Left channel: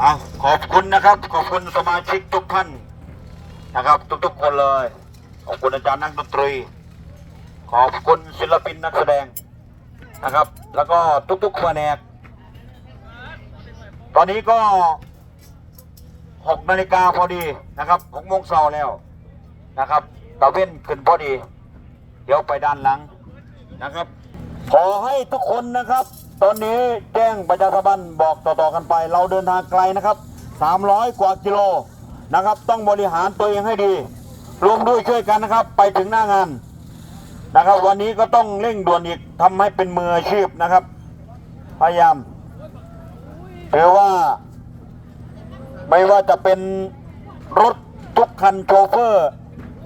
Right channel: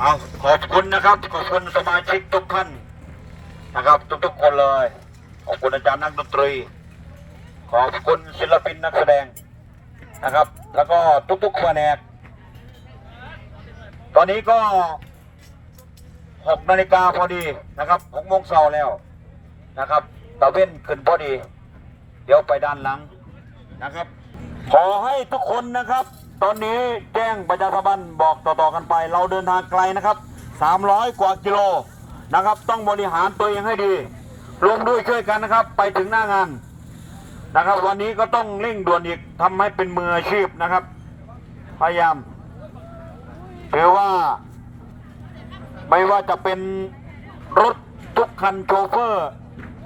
เอาขอบคุณนะครับ ขอบคุณสมาชิกทุกท่านนะครับ ทุกๆคนเลย ขอบคุณอาจารย์นักดนตรี ขอบคุณศิลปินนักแสดงนะครับ แล้วก็ทุกๆแผนก ตอนนี้ก็หกนาฬิกาพอดีนะครับหกโมงเช้าแล้วนะครับตะเว้นขึ้นพอดี เดี๋ยวไปด้านหลังนะครับ ขอให้ทุกคนนะครับ ตอนนี้แจ้งประชาสัมพันธ์บอกต่อๆกันไป เราเดินทางไกลนะครับ 300 กว่ากิโลนะครับ ต้องบริหารตัวเองให้ดีรวมด้วยช่วยกันนะครับ ไปถึงหน้างานนะครับ วันนี้ก็ต้องเร่งด่วนอีกทำให้เป็นมืออาชีพนะครับ พยายามถือว่า ไม่ว่าจะเป็นรถทุกคันโชเฟอร์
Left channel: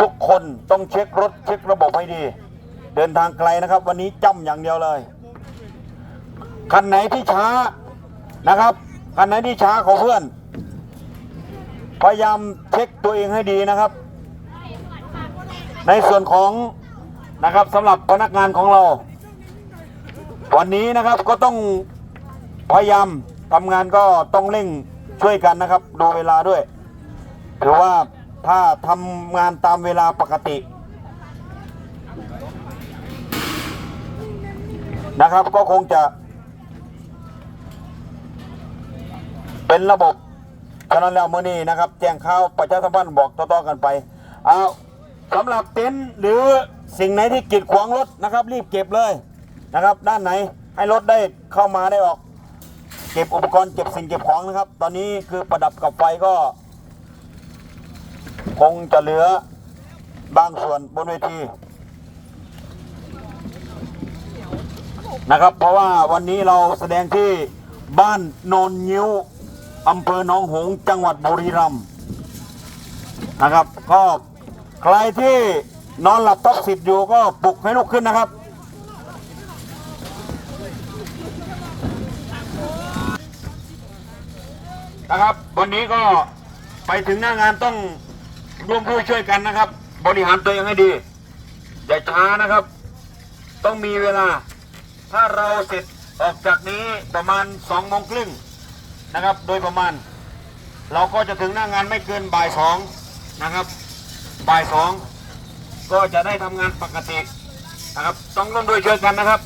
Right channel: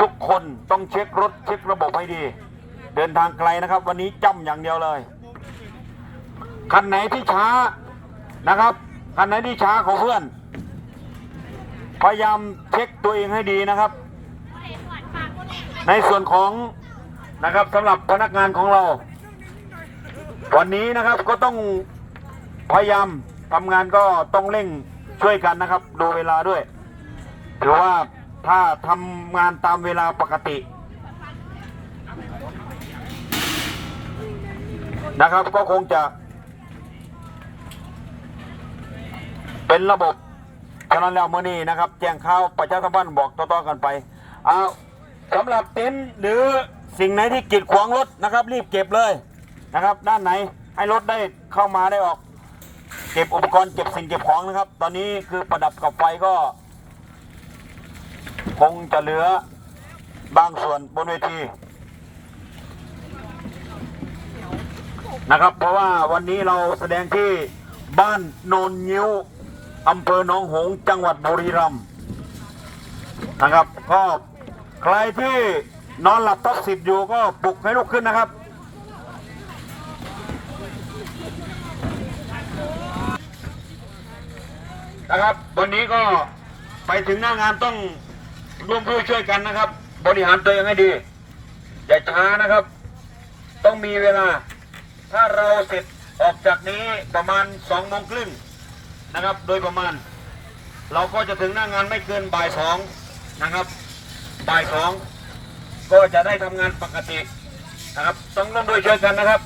ทุกคนต้องเช็ครถเช็คระบบให้ดี เดินทางไกลนะครับ วันนี้จำอย่างเดียวเลย คันไหนที่ช้านะครับ คันไหนที่ช้าของเพื่อน พยายามเช็คตัวเองให้ดีนะครับ ในส่วนของนะครับสำหรับพนักงานของเรา วันนี้นะครับก็ต้องพยายามทำงานก็ต้องเร่งช่วยกันนะครับ ดูเวลาด้วยถือว่าถ้าทำงานตามเวลาปกตินะครับก็คงจะ เป็นระบบฉะนั้นแล้วเมื่อนี้นะครับ แจ้งข่าวประชาสัมพันธ์บอกต่อๆกันไปเอาสำหรับเต็นท์หรือสิ่งไหนที่กีดขวางรถนะครับ รีบเก็บเลยนะครับ ด้านไหนให้รถได้เข้ามาได้ออก เก็บอุปกรณ์เก็บสิ่งเก็บของนะครับ ตอนนี้คือประดับกับไฟก็ คงจะเหลือบางส่วนบนเวทีนะครับ เพราะว่าวันนี้เราแสดงที่บ้านโนนยิ้ว อำเภอหนองหงส์จังหวัดบุรีรัมย์นะครับ ก็ใครที่นอนหลับทับสิบอยู่ก็ปลุกให้ลุกขึ้นนะครับ นะครับ วันนี้ก็ไปถึงหน้างานต้องร่วมด้วยช่วยกันนะครับ บริหารตัวเองให้ดี อย่าช้านะครับ ต้องมีเวลา ถ้าเราเสร็จออกจากนี้ประมาณสองโมงครึ่ง นะครับ โดยประมาณ เราก็จะถึงหน้างานไม่เกินบ่ายสองนะครับบ่ายสองก็จะได้ทำงานปกตินะครับ ต้องร่วมด้วยช่วยกันนะครับ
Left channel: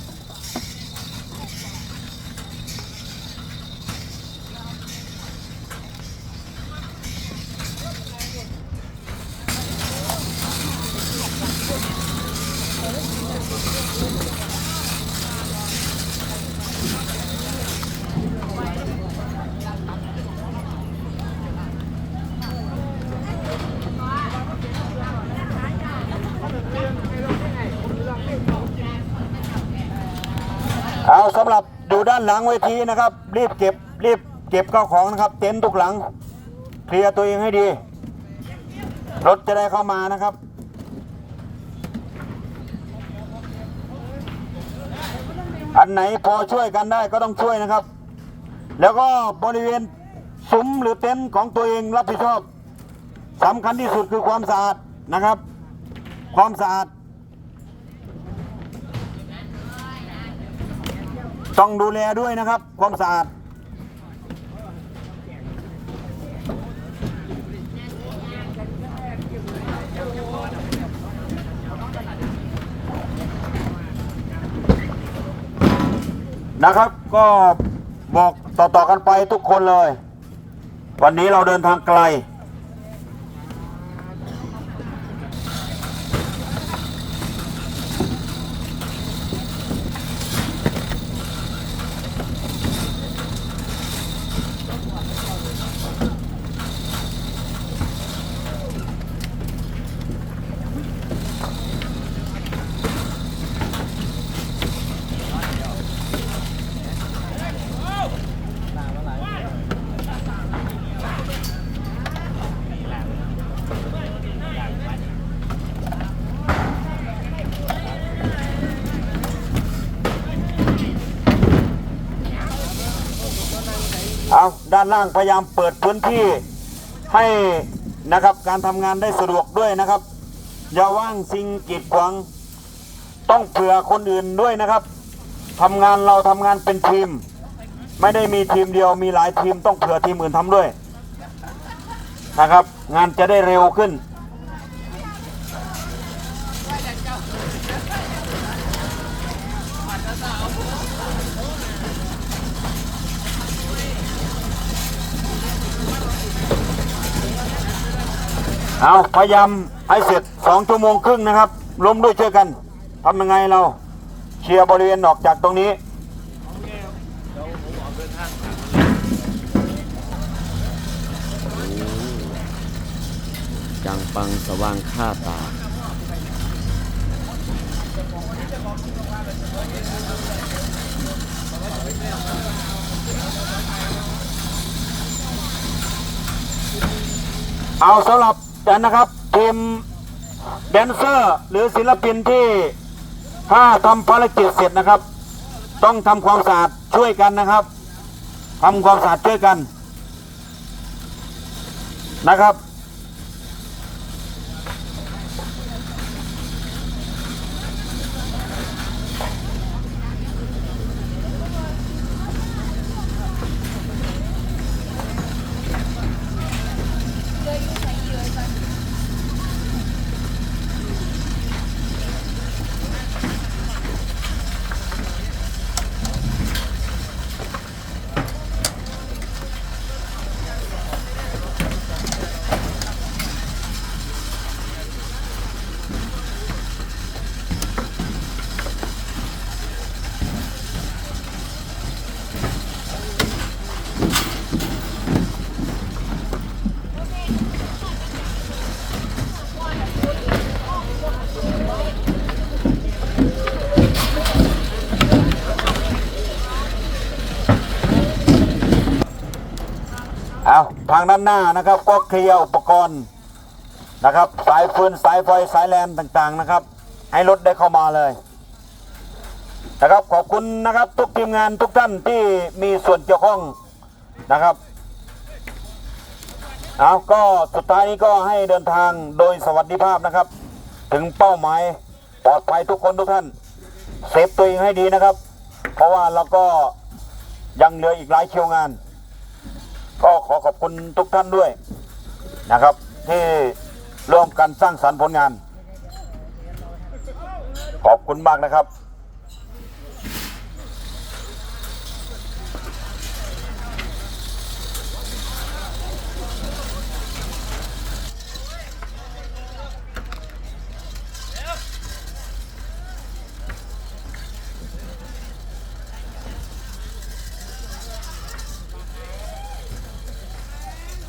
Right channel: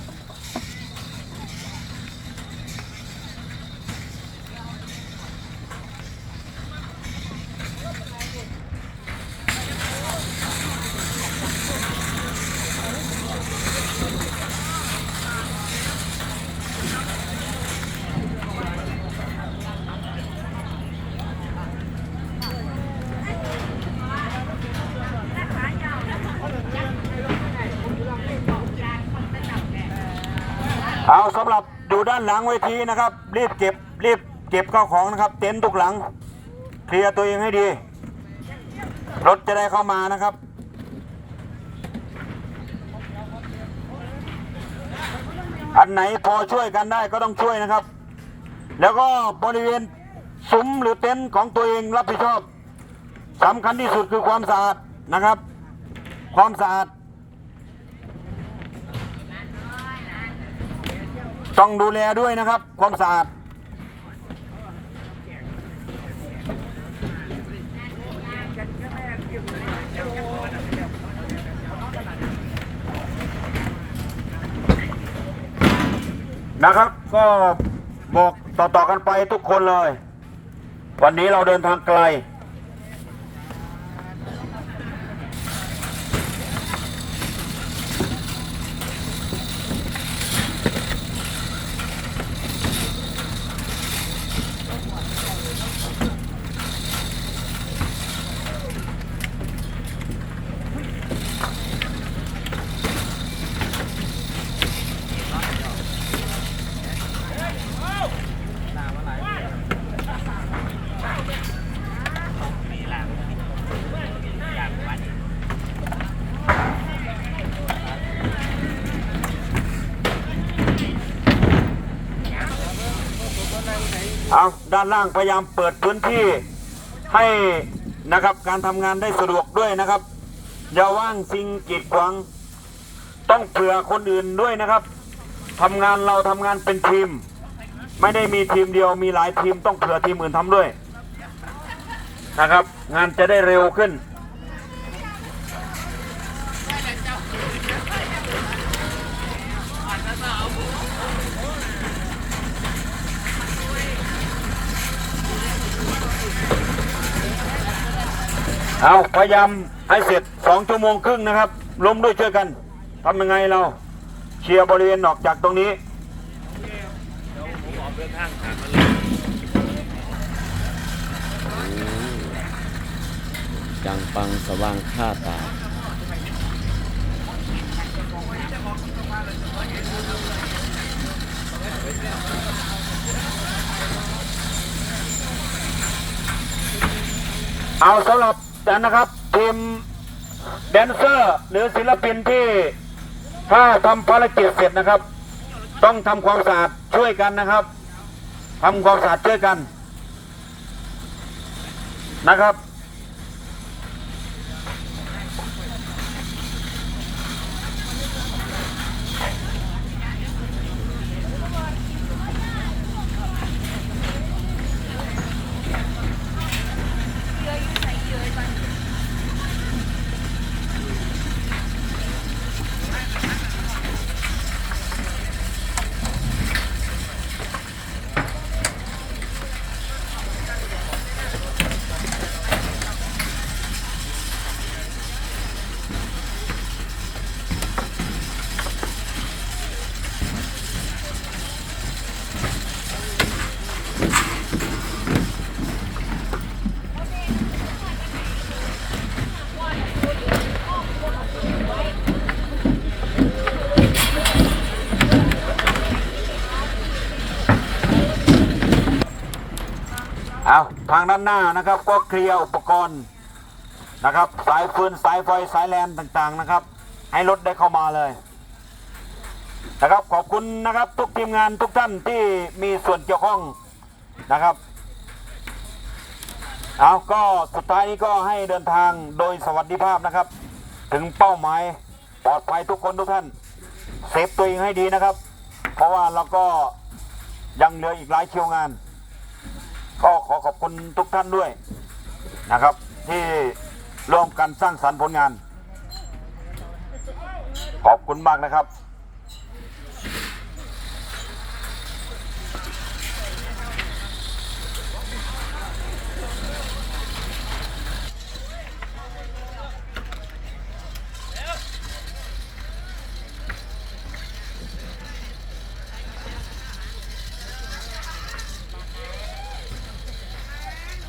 อยู่ด้านหลังเวทีนะครับ รีบเก็บรีบเก็บข้าวของนะครับ เต็นท์ทุกหลัง เคลียร์ตัวเองให้ดี รถจะได้เข้ามานะครับอันไหนพอช่วยกันได้ก็ต้องช่วยนะครับ แล้วก็บริเวณซุ้มหรือเต็นท์ของตัวเองรับผิดชอบสำคัญที่สุดคือความสะอาดนะครับ ความสะอาด ต้องดูแลด้วยนะครับความสะอาดนะครับ ก็บอกต่อๆกันไปทุกคนเลย วันนี้เราเดินทางไกล เอาด้านล่างพยายามเปิดพื้นที่ให้นะครับการทำงานได้สะดวกด้วยนะครับ อย่าว่างสิ่งกีดขวางต้องเผื่อคนอื่นด้วยนะครับทำงานเราทำงานเป็นทีม ไม่ได้มีทีมเดียวมีหลายทีมต้องเผื่อทีมอื่นทำด้วยนะครับ งานจะได้เร็วขึ้น เอาพยายามให้เสร็จสองชั่วโมงครึ่งนะครับรวมด้วยช่วยกันทำยังไงเราเคลียร์บริเวณออกจากตรงนี้จังปังสว่างค่าตาเอาสำหรับ กันนะครับทีมแดนเซอร์ หรือศิลปินที่ถ้าทำภารกิจเสร็จนะครับ ต้องทำความสะอาดช่วยกันนะครับทำความสะอาดช่วยกันนะครับาทางด้านหน้านะครับ ก็เคลียร์อุปกรณ์นะครับ สายฟืนสายไฟสายแลนต่างๆนะครับ ให้รถได้เข้ามาเลยนะครับขอบคุณนะครับทุกทีมงานทุกท่านที่มีส่วนเกี่ยวข้องนะครับเอาก็สุดท้ายนี้ก็ให้เดินทางโดยสวัสดิภาพนะครับ ถึงเป้าหมายปลอดภัยทุกคนทุกท่านเซฟตัวเองให้ดีนะครับ เพราะว่าเราก็ยังเหลืออีกหลายเชียวงาน ก็ขอขอบคุณทุกท่านด้วยนะครับ ที่ร่วมกันสร้างสรรค์ผลงาน ขอบคุณมากนะครับ